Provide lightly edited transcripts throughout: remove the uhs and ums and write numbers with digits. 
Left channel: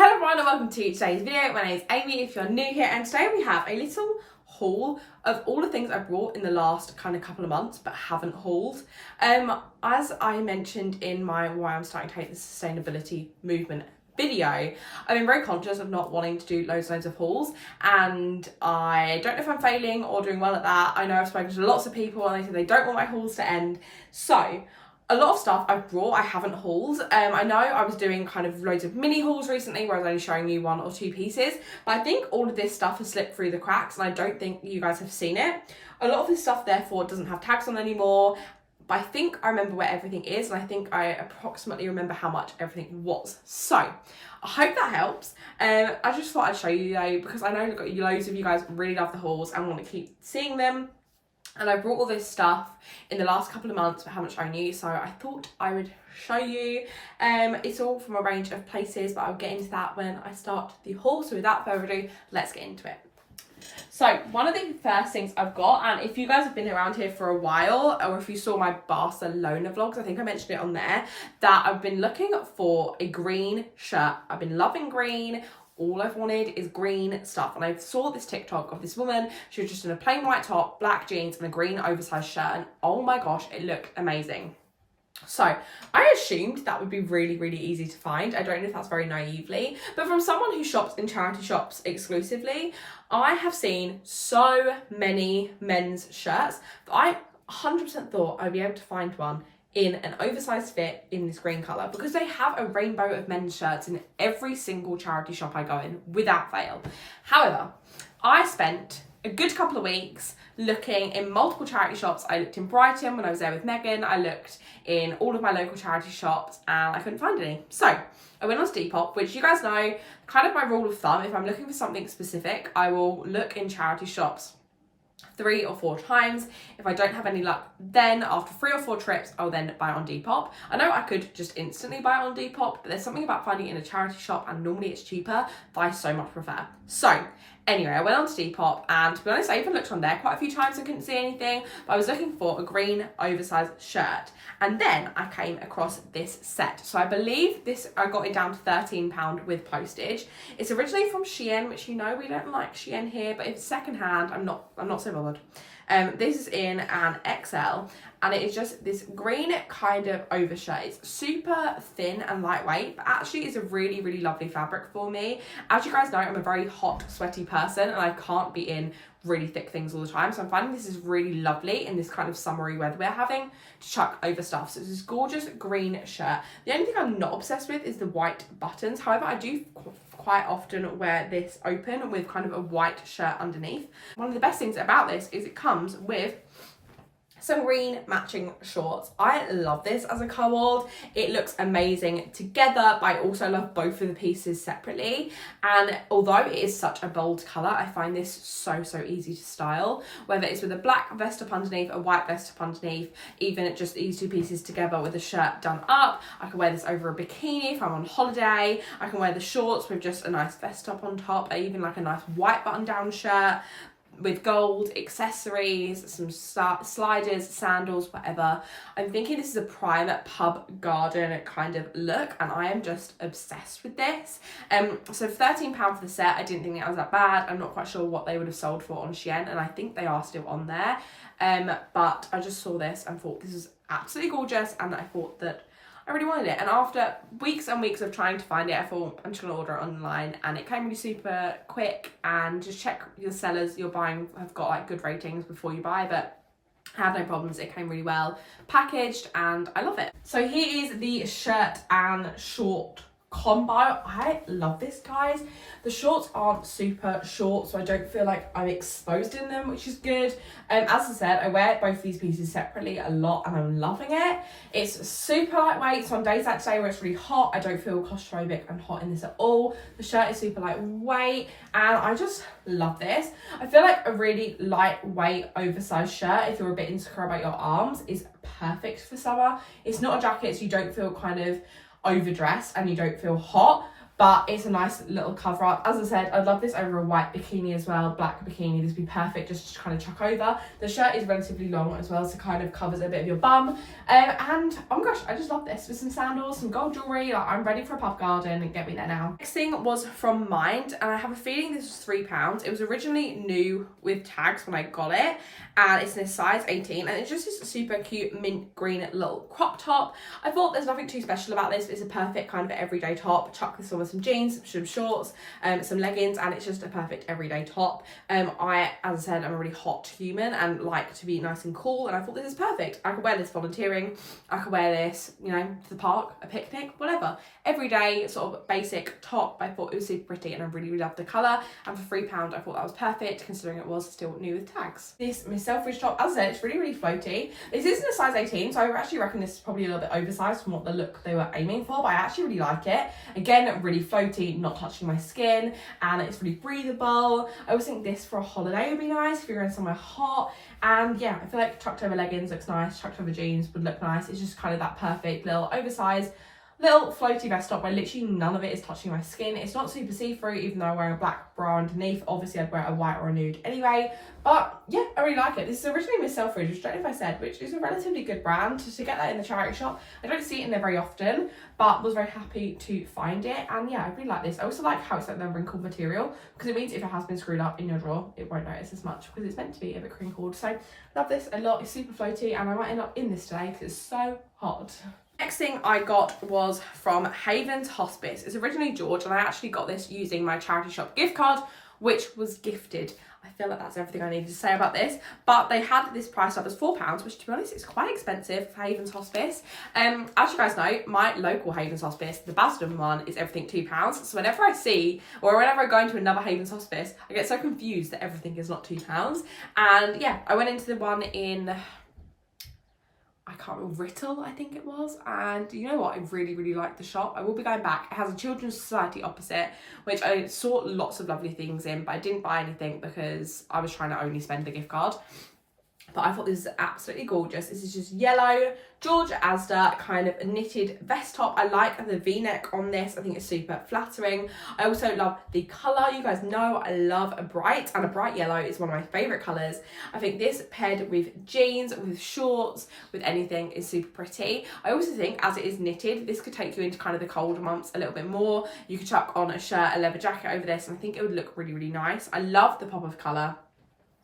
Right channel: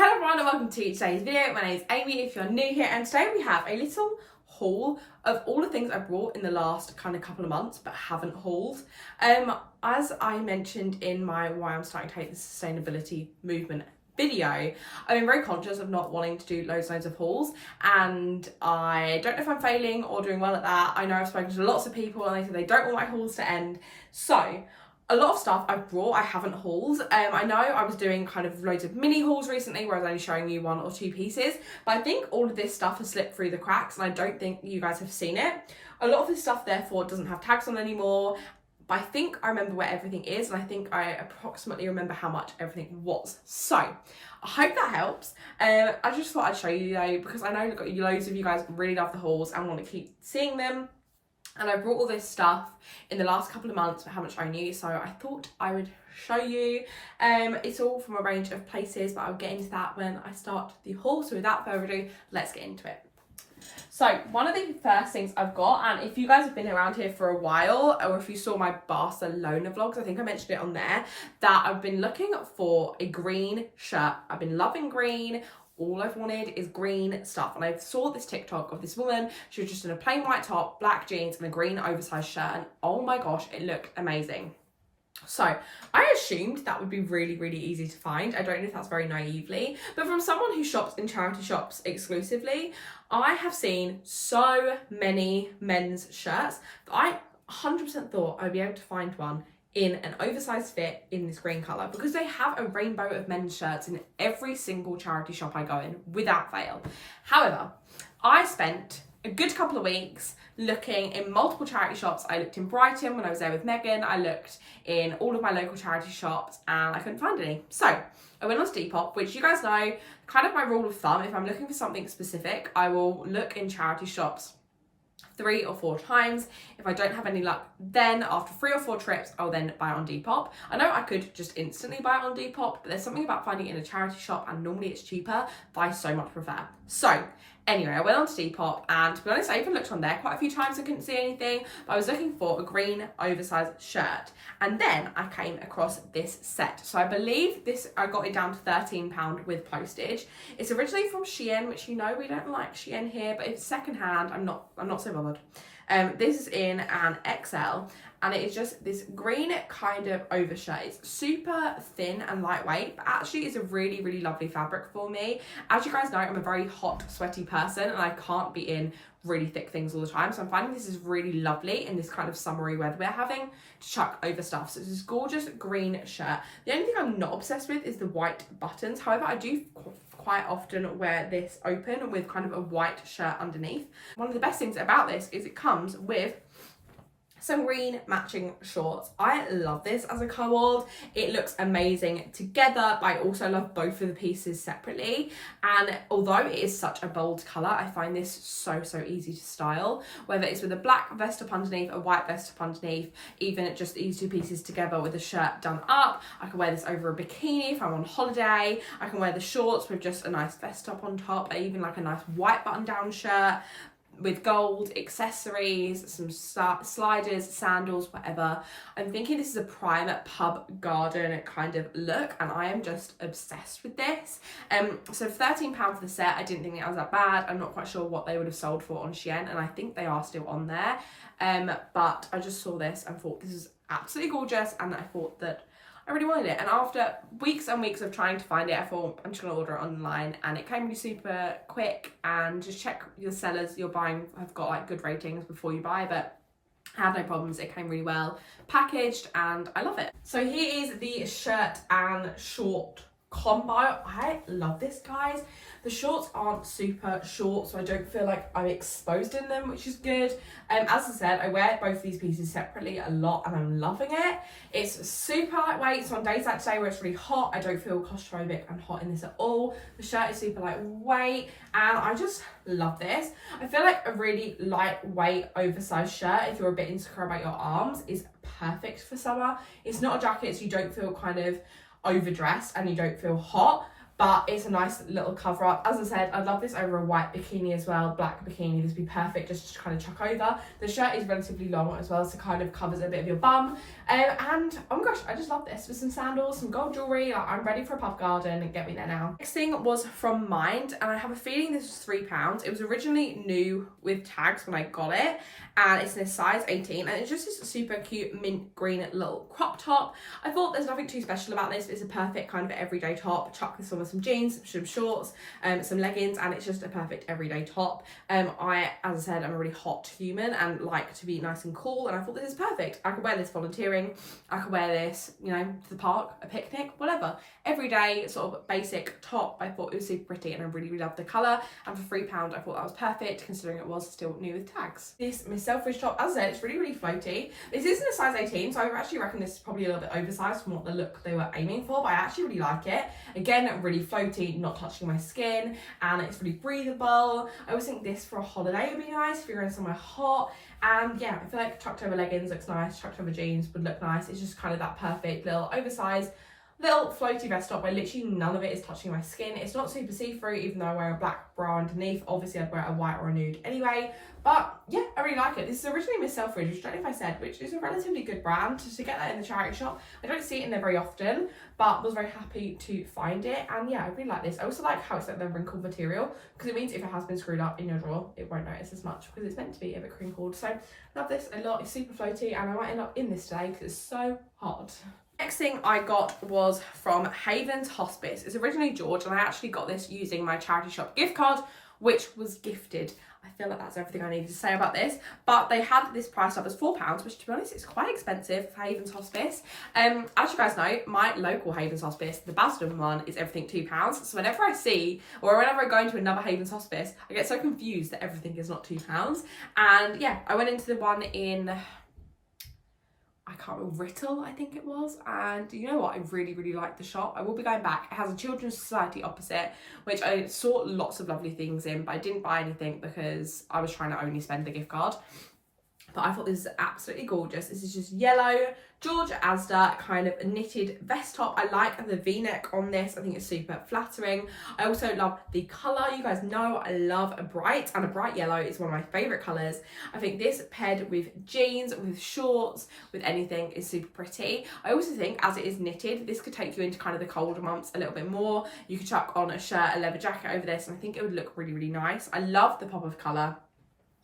Hello everyone and welcome to today's video. My name is Amy if you're new here, and today we have a little haul of all the things I brought in the last kind of couple of months but haven't hauled. As I mentioned in my why I'm starting to hate the sustainability movement video, I've been very conscious of not wanting to do loads of hauls, and I don't know if I'm failing or doing well at that. I know I've spoken to lots of people and they say they don't want my hauls to end, so a lot of stuff I've brought I haven't hauled. I know I was doing kind of loads of mini hauls recently where I was only showing you one or two pieces, but I think all of this stuff has slipped through the cracks and I don't think you guys have seen it. A lot of this stuff therefore doesn't have tags on anymore, but I think I remember where everything is and I think I approximately remember how much everything was. So I hope that helps. I just thought I'd show you though, because I know loads of you guys really love the hauls and want to keep seeing them. And I brought all this stuff in the last couple of months but haven't shown you, so I thought I would show you. It's all from a range of places, but I'll get into that when I start the haul. So without further ado, let's get into it. So one of the first things I've got, and if you guys have been around here for a while, or if you saw my Barcelona vlogs, I think I mentioned it on there, that I've been looking for a green shirt. I've been loving green. All I've wanted is green stuff, and I saw this TikTok of this woman. She was just in a plain white top, black jeans and a green oversized shirt, and oh my gosh, it looked amazing. So I assumed that would be really easy to find. I don't know if that's very naively, but from someone who shops in charity shops exclusively, I have seen so many men's shirts that I 100% thought I'd be able to find one in an oversized fit in this green colour, because they have a rainbow of men's shirts in every single charity shop I go in without fail. However, I spent a good couple of weeks looking in multiple charity shops. I looked in Brighton when I was there with Megan. I looked in all of my local charity shops and I couldn't find any. So I went on Depop, which you guys know, kind of my rule of thumb. If I'm looking for something specific, I will look in charity shops 3 or 4 times. If I don't have any luck, then after 3 or 4 trips, I'll then buy it on Depop. I know I could just instantly buy it on Depop, but there's something about finding it in a charity shop, and normally it's cheaper, that I so much prefer. So anyway, I went on to Depop, and to be honest, I even looked on there quite a few times and couldn't see anything, but I was looking for a green oversized shirt, and then I came across this set. So I believe this, I got it down to £13 with postage. It's originally from Shein, which you know we don't like Shein here, but it's secondhand. I'm not so bothered. This is in an XL, and it is just this green kind of overshirt. It's super thin and lightweight, but actually is a really lovely fabric for me. As you guys know, I'm a very hot, sweaty person, and I can't be in really thick things all the time, so I'm finding this is really lovely in this kind of summery weather we're having to chuck over stuff. So it's this gorgeous green shirt. The only thing I'm not obsessed with is the white buttons. However, I do quite often wear this open with kind of a white shirt underneath. One of the best things about this is it comes with some green matching shorts. I love this as a co-ord. It looks amazing together, but I also love both of the pieces separately. And although it is such a bold colour, I find this so easy to style. Whether it's with a black vest up underneath, a white vest up underneath, even just these two pieces together with the shirt done up. I can wear this over a bikini if I'm on holiday. I can wear the shorts with just a nice vest up on top, or even like a nice white button down shirt with gold accessories, some sliders, sandals, whatever. I'm thinking this is a prime pub garden kind of look, and I am just obsessed with this. So £13 for the set, I didn't think that was that bad. I'm not quite sure what they would have sold for on Shein, and I think they are still on there. But I just saw this and thought this is absolutely gorgeous, and I thought that I really wanted it. And after weeks and weeks of trying to find it, I thought I'm just going to order it online, and it came really super quick. And just check your sellers you're buying have got like good ratings before you buy, but I had no problems. It came really well packaged and I love it. So here is the shirt and short combo. I love this, guys. The shorts aren't super short, so I don't feel like I'm exposed in them, which is good. As I said, I wear both these pieces separately a lot and I'm loving it. It's super lightweight, so on days like today where it's really hot, I don't feel claustrophobic and hot in this at all. The shirt is super lightweight and I just love this. I feel like a really lightweight oversized shirt, if you're a bit insecure about your arms, is perfect for summer. It's not a jacket, so you don't feel kind of overdressed and you don't feel hot, but it's a nice little cover up. As I said, I'd love this over a white bikini as well, black bikini. This would be perfect just to kind of chuck over. The shirt is relatively long as well, so kind of covers a bit of your bum. And oh my gosh, I just love this with some sandals, some gold jewellery. Like, I'm ready for a pub garden, and get me there now. Next thing was from Mind, and I have a feeling this was £3. It was originally new with tags when I got it, and it's in a size 18, and it's just this super cute mint green little crop top. I thought there's nothing too special about this. It's a perfect kind of everyday top. Chuck this on with some jeans, some shorts, some leggings, and it's just a perfect everyday top. As I said, I'm a really hot human and like to be nice and cool, and I thought this is perfect. I could wear this volunteering, I could wear this, you know, to the park, a picnic, whatever. Everyday sort of basic top. I thought it was super pretty, and I really loved the colour, and for £3 I thought that was perfect considering it was still new with tags. This Miss Selfridge top, as I said, it's really floaty. This isn't a size 18, so I actually reckon this is probably a little bit oversized from what the look they were aiming for, but I actually really like it. Again, really floaty, not touching my skin, and it's really breathable. I always think this for a holiday would be nice if you're going somewhere hot. And yeah, I feel like chucked over leggings looks nice, chucked over jeans would look nice. It's just kind of that perfect little oversized little floaty vest top where literally none of it is touching my skin. It's not super see-through, even though I'm wearing a black bra underneath. Obviously I'd wear a white or a nude anyway, but yeah, I really like it. This is originally Miss Selfridge, which I don't know if I said, which is a relatively good brand. To get that in the charity shop, I don't see it in there very often, but was very happy to find it. And yeah, I really like this. I also like how it's like the wrinkled material, because it means if it has been screwed up in your drawer, it won't notice as much because it's meant to be a bit crinkled. So love this a lot. It's super floaty, and I might end up in this today because it's so hot. Next thing I got was from Haven's Hospice. It's originally George, and I actually got this using my charity shop gift card, which was gifted. I feel like that's everything I needed to say about this, but they had this priced up as £4, which to be honest is quite expensive for Haven's Hospice. As you guys know, my local Haven's Hospice, the Basildon one, is everything £2. So whenever I see, or whenever I go into another Haven's Hospice, I get so confused that everything is not £2. And yeah, I went into the one in, I can't remember, Writtle, I think it was. And you know what? I really like the shop. I will be going back. It has a Children's Society opposite, which I saw lots of lovely things in, but I didn't buy anything because I was trying to only spend the gift card. But I thought this is absolutely gorgeous. This is just yellow, George Asda kind of knitted vest top. I like the V-neck on this. I think it's super flattering. I also love the colour. You guys know I love a bright, and a bright yellow is one of my favourite colours. I think this paired with jeans, with shorts, with anything is super pretty. I also think as it is knitted, this could take you into kind of the colder months a little bit more. You could chuck on a shirt, a leather jacket over this, and I think it would look really nice. I love the pop of colour.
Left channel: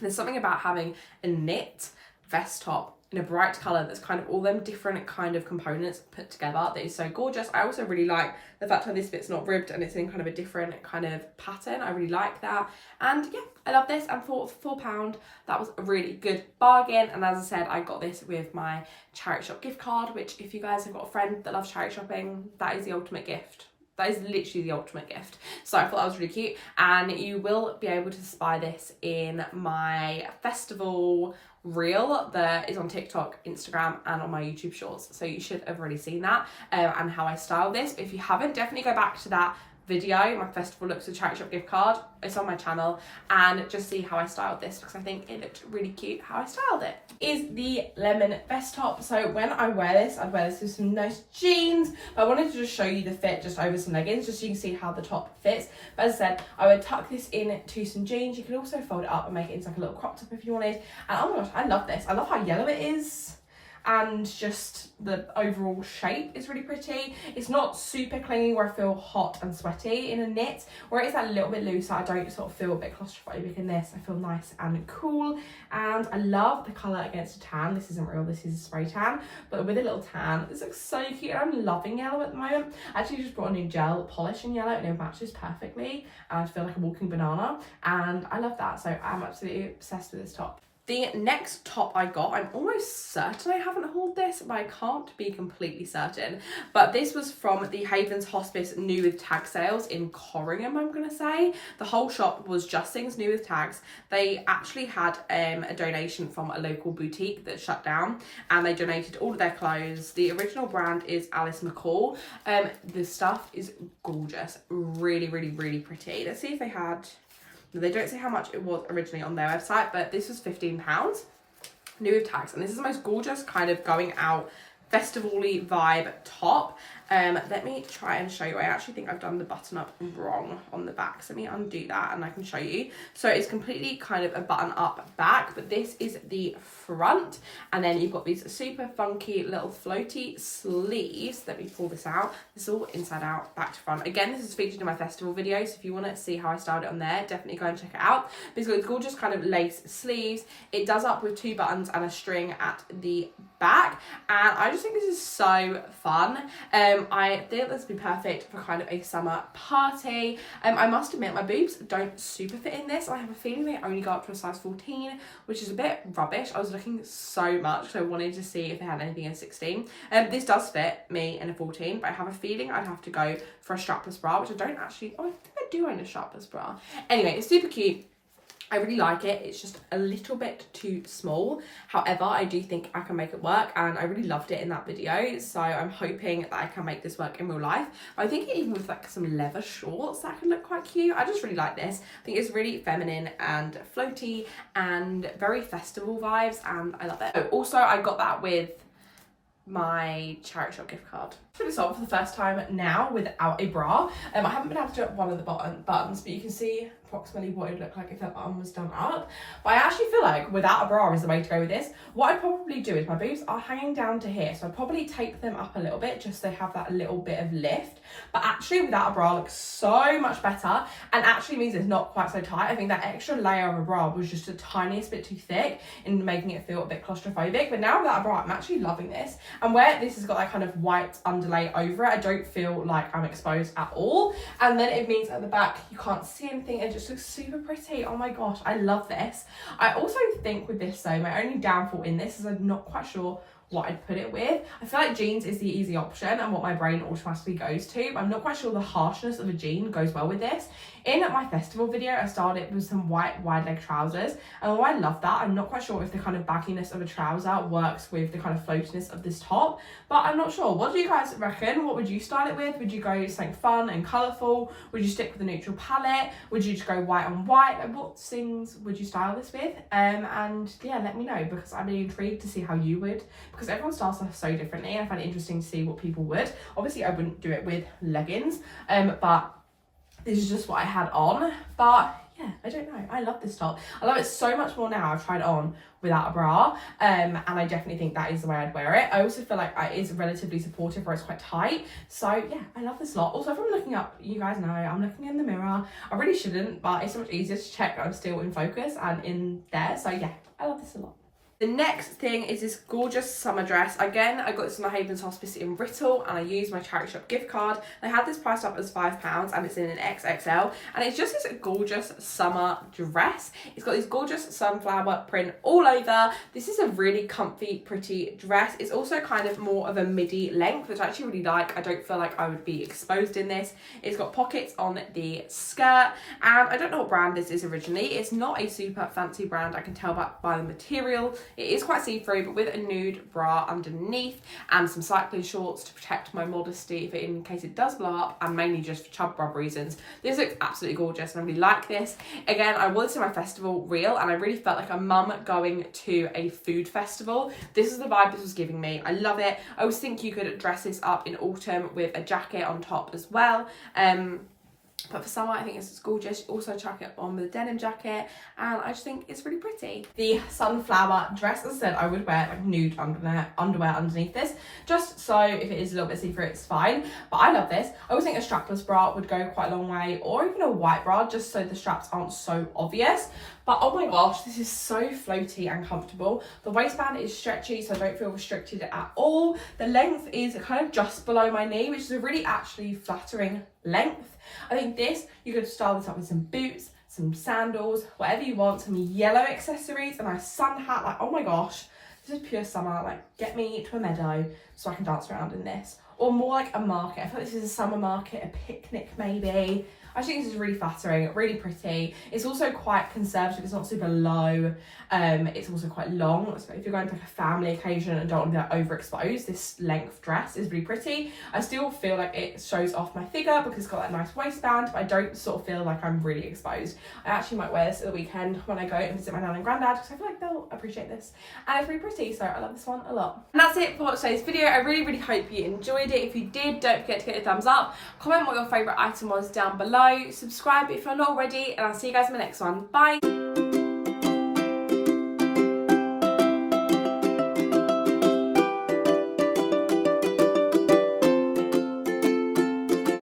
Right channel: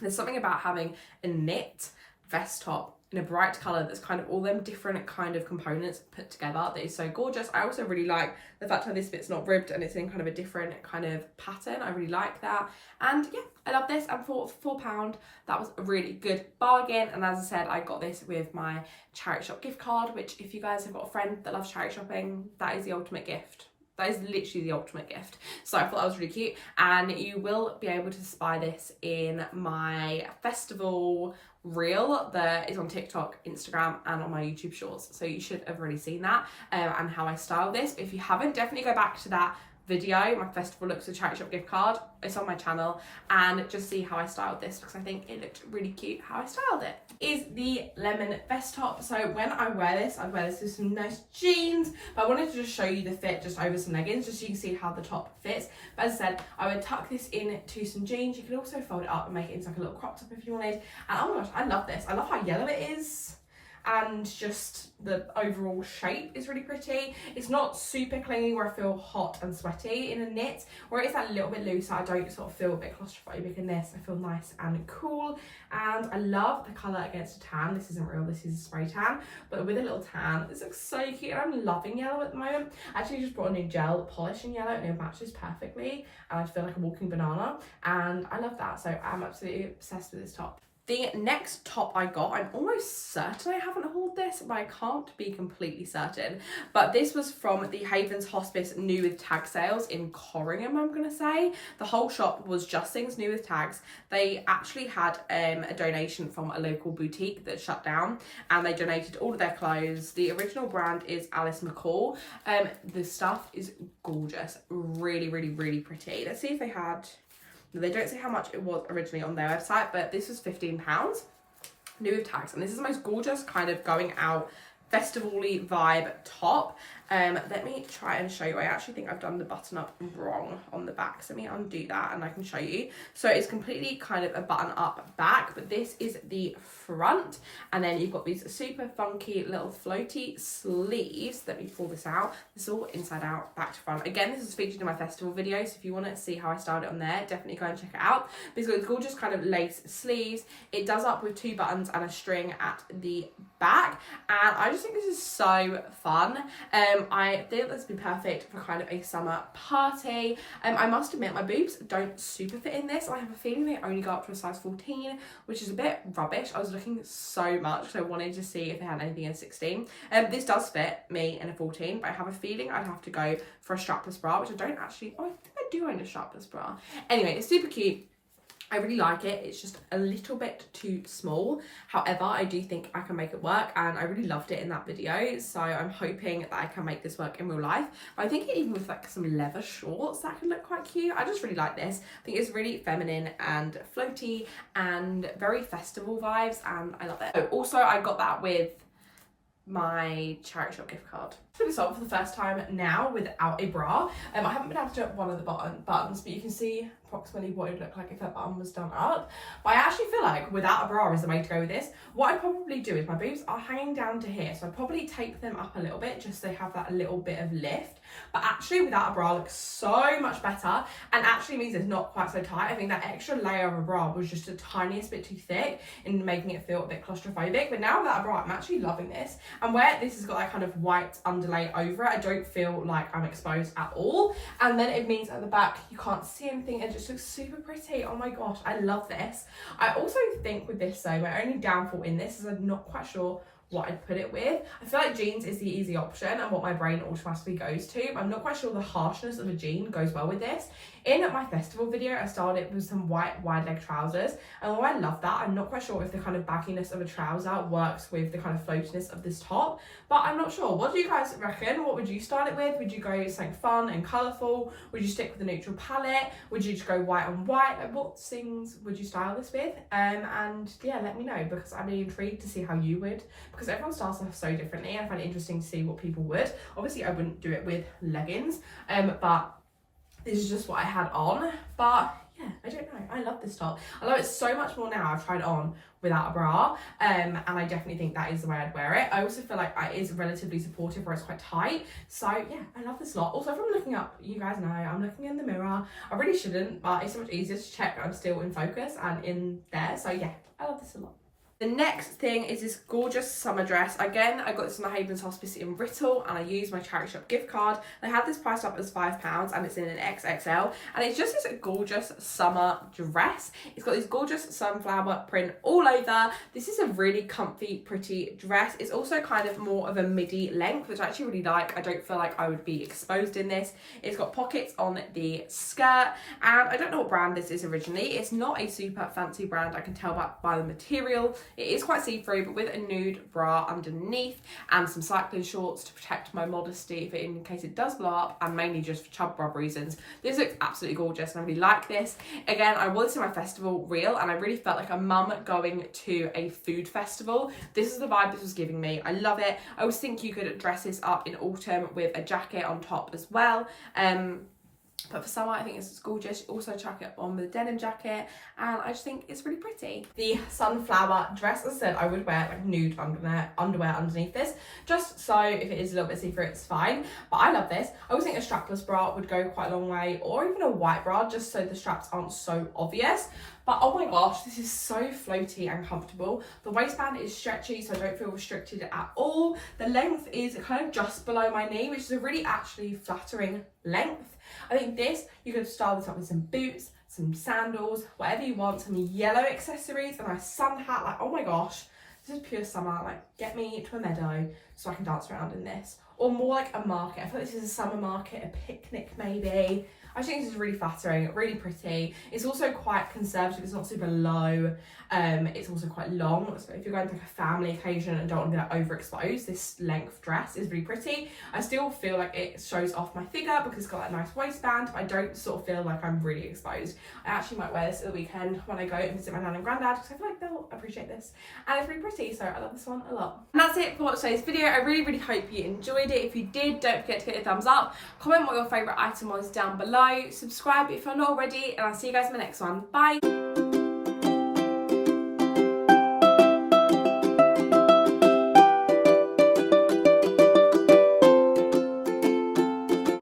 There's something about having a knit vest top in a bright colour that's kind of all them different kind of components put together that is so gorgeous. I also really like the fact that this bit's not ribbed and it's in kind of a different kind of pattern. I really like that. And yeah, I love this. And for £4, that was a really good bargain. And as I said, I got this with my charity shop gift card, which if you guys have got a friend that loves charity shopping, that is the ultimate gift. That is literally the ultimate gift. So I thought that was really cute. And you will be able to spy this in my festival reel that is on TikTok, Instagram, and on my YouTube shorts. So you should have already seen that and how I style this. But if you haven't, definitely go back to that video, my festival looks with charity shop gift card. It's on my channel, and just see how I styled this because I think it looked really cute how I styled it. Is the lemon vest top. So when I wear this, I'd wear this with some nice jeans, but I wanted to just show you the fit just over some leggings, just so you can see how the top fits. But as I said, I would tuck this into some jeans. You can also fold it up and make it into like a little crop top if you wanted. And oh my gosh, I love this. I love how yellow it is. And just the overall shape is really pretty. It's not super clingy where I feel hot and sweaty in a knit, where it's that little bit looser. I don't sort of feel a bit claustrophobic in this. I feel nice and cool, and I love the colour against a tan. This isn't real, this is a spray tan, but with a little tan. This looks so cute, and I'm loving yellow at the moment. I actually just brought a new gel polish in yellow and it matches perfectly. I feel like a walking banana, and I love that. So I'm absolutely obsessed with this top. The next top I got, I'm almost certain I haven't hauled this, but I can't be completely certain. But this was from the Haven's Hospice new with tag sales in Corringham, I'm going to say. The whole shop was just things new with tags. They actually had a donation from a local boutique that shut down, and they donated all of their clothes. The original brand is Alice Mccall. The stuff is gorgeous. Really pretty. Let's see if they had... They don't say how much it was originally on their website, but this was £15, new with tags. And this is the most gorgeous kind of going out festival-y vibe top. Let me try and show you. I actually think I've done the button up wrong on the back, so let me undo that and I can show you. So it's completely kind of a button up back, but this is the front, and then you've got these super funky little floaty sleeves. Let me pull this out. This is all inside out, back to front. Again, this is featured in my festival video, so if you want to see how I styled it on there, definitely go and check it out. But it's got these gorgeous kind of lace sleeves. It does up with 2 buttons and a string at the back, and I just think this is so fun. I think this would be perfect for kind of a summer party. I must admit, my boobs don't super fit in this. I have a feeling they only go up to a size 14, which is a bit rubbish. I was looking so much, so I wanted to see if they had anything in 16. This does fit me in a 14, but I have a feeling I'd have to go for a strapless bra, which I don't actually, oh, I think I do own a strapless bra. Anyway, it's super cute. I really like it. It's just a little bit too small. However, I do think I can make it work, and I really loved it in that video. So I'm hoping that I can make this work in real life. But I think even with like some leather shorts, that could look quite cute. I just really like this. I think it's really feminine and floaty and very festival vibes, and I love it. Oh, also, I got that with my charity shop gift card. Put this on for the first time now without a bra. I haven't been able to do it one of the buttons, but you can see approximately what it would look like if that button was done up. But I actually feel like without a bra is the way to go with this. What I'd probably do is, my boobs are hanging down to here, so I'd probably tape them up a little bit just so they have that little bit of lift. But actually without a bra looks so much better, and actually means it's not quite so tight. I think that extra layer of a bra was just a tiniest bit too thick in making it feel a bit claustrophobic. But now without a bra, I'm actually loving this. And where this has got that kind of white underlay over it, I don't feel like I'm exposed at all. And then it means at the back you can't see anything. It just looks super pretty. Oh my gosh, I love this. I also think with this though, my only downfall in this is I'm not quite sure what I'd put it with. I feel like jeans is the easy option and what my brain automatically goes to, but I'm not quite sure the harshness of a jean goes well with this. In my festival video, I styled it with some white wide leg trousers, and although I love that, I'm not quite sure if the kind of bagginess of a trouser works with the kind of floatiness of this top, but I'm not sure. What do you guys reckon? What would you style it with? Would you go something fun and colourful? Would you stick with a neutral palette? Would you just go white on white? Like, what things would you style this with? And yeah, let me know, because I'm really intrigued to see how you would, because everyone styles stuff so differently. I find it interesting to see what people would. Obviously, I wouldn't do it with leggings, but this is just what I had on. But yeah, I don't know. I love this top. I love it so much more now. I've tried it on without a bra, and I definitely think that is the way I'd wear it. I also feel like it is relatively supportive where it's quite tight. So yeah, I love this a lot. Also, if I'm looking up, you guys know I'm looking in the mirror. I really shouldn't, but it's so much easier to check that I'm still in focus and in there. So yeah, I love this a lot. The next thing is this gorgeous summer dress. Again, I got this from the Havens Hospice in Writtle, and I used my charity shop gift card. I had this priced up as £5, and it's in an XXL, and it's just this gorgeous summer dress. It's got this gorgeous sunflower print all over. This is a really comfy, pretty dress. It's also kind of more of a midi length, which I actually really like. I don't feel like I would be exposed in this. It's got pockets on the skirt, and I don't know what brand this is originally. It's not a super fancy brand, I can tell by the material. It is quite see-through, but with a nude bra underneath and some cycling shorts to protect my modesty in case it does blow up, and mainly just for chub rub reasons. This looks absolutely gorgeous, and I really like this. Again, I wore this in my festival reel, and I really felt like a mum going to a food festival. This is the vibe this was giving me. I love it. I always think you could dress this up in autumn with a jacket on top as well. But for summer, I think it's gorgeous. Also chuck it on with a denim jacket, and I just think it's really pretty. The sunflower dress, as I said, I would wear like nude underwear underneath this, just so if it is a little bit see-through, it's fine. But I love this. I always think a strapless bra would go quite a long way, or even a white bra, just so the straps aren't so obvious. But oh my gosh, this is so floaty and comfortable. The waistband is stretchy, so I don't feel restricted at all. The length is kind of just below my knee, which is a really actually flattering length. I think this, you could style this up with some boots, some sandals, whatever you want, some yellow accessories, a nice sun hat. Like, oh my gosh, this is pure summer. Like, get me to a meadow so I can dance around in this. Or more like a market. I feel like this is a summer market, a picnic maybe. I think this is really flattering, really pretty. It's also quite conservative. It's not super low. It's also quite long. So if you're going to like a family occasion and don't want to be like overexposed, this length dress is really pretty. I still feel like it shows off my figure because it's got that nice waistband, but I don't sort of feel like I'm really exposed. I actually might wear this at the weekend when I go and visit my nan and granddad, because I feel like they'll appreciate this. And it's really pretty, so I love this one a lot. out. And that's it for today's video. I really hope you enjoyed it. If you did, don't forget to get a thumbs up, comment what your favourite item was down below, subscribe if you're not already, and I'll see you guys in my next one. Bye!